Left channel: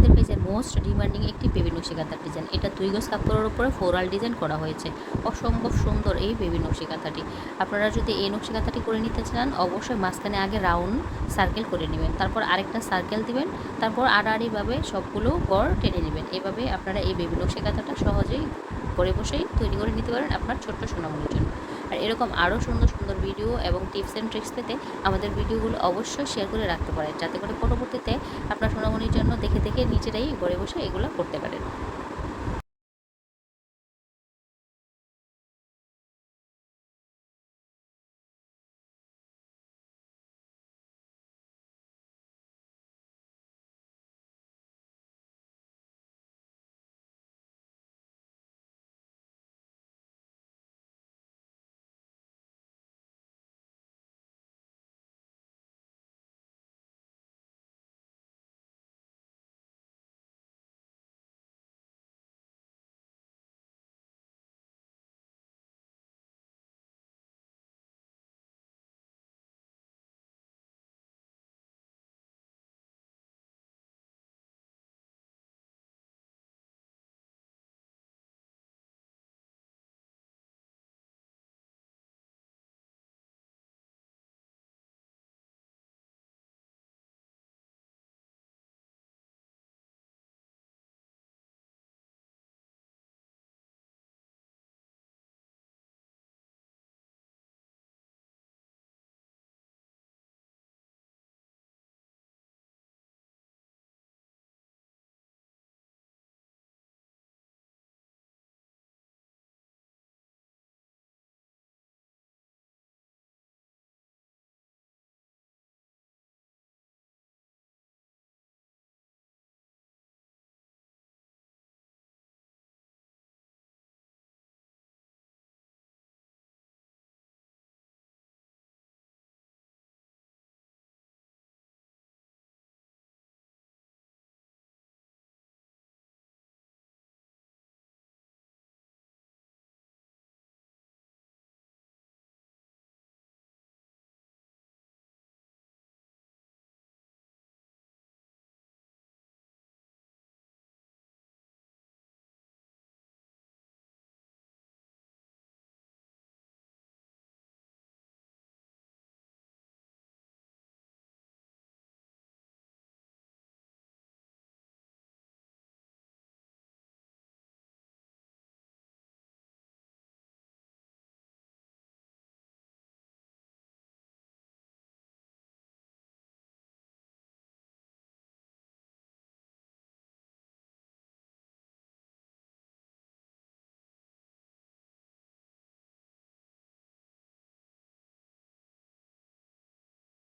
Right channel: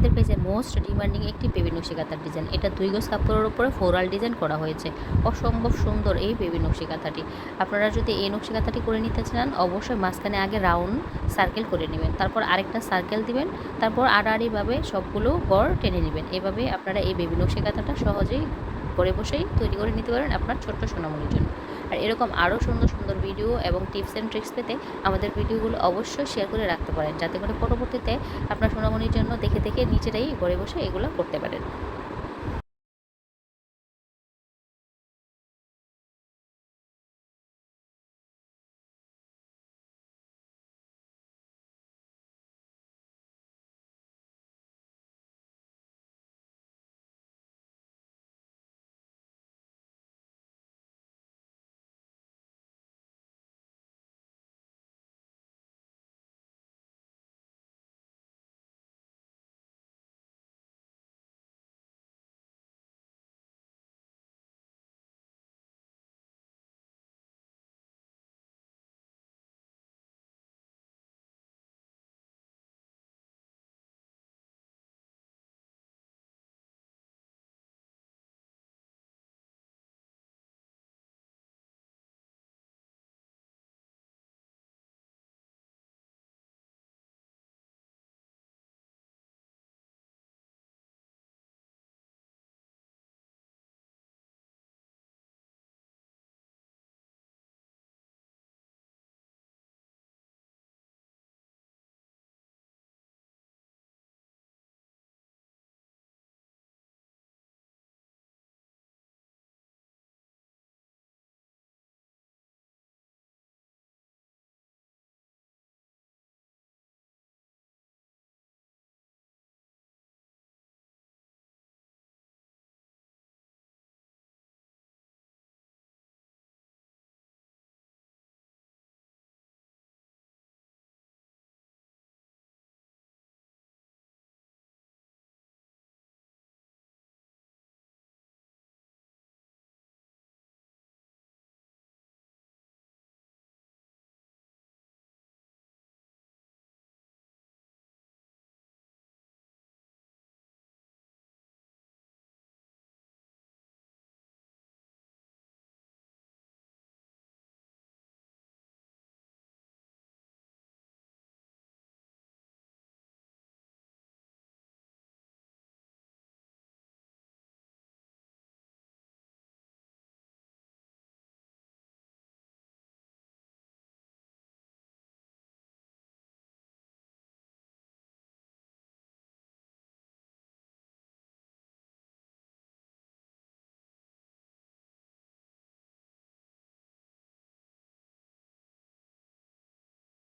আমাদের কাছে most demanding একটি বেবি নকশি কাঁথার ডিজাইন এটা দুই গজ কাপড়ের উপরে ফোরাল ডিজাইন করা হয়েছে। অসম্ভব সুন্দর এই বেবি নকশি কাঁথাটি আপনারা যদি এই নকশি কাঁথাটি করে নিতে চান, অবশ্যই মাঝখানে আগে রাউন্ড সার্কেল করে নেবেন। তারপর আরেকটা সার্কেল দিবেন। তারপর আড়াআড়িভাবে সবগুলো গড় টেনে নেবেন। এভাবে আপনারা এই বেবি নকশি কাঁথাটা সহজেই ঘরে বসেই তৈরি করে নিতে পারেন আপনার ছোট্ট সোনামণির জন্য। আর এরকম আরও সুন্দর সুন্দর ভিডিও এবং টিপস অ্যান্ড ট্রিক্স পেতে আমাদের ভিডিওগুলো অবশ্যই শেয়ার করে রাখতে পারেন। যাতে করে পরবর্তীতে আপনার সোনামণির জন্য দেখে দেখে নিজেরাই ঘরে বসে এগুলো করতে পারেন।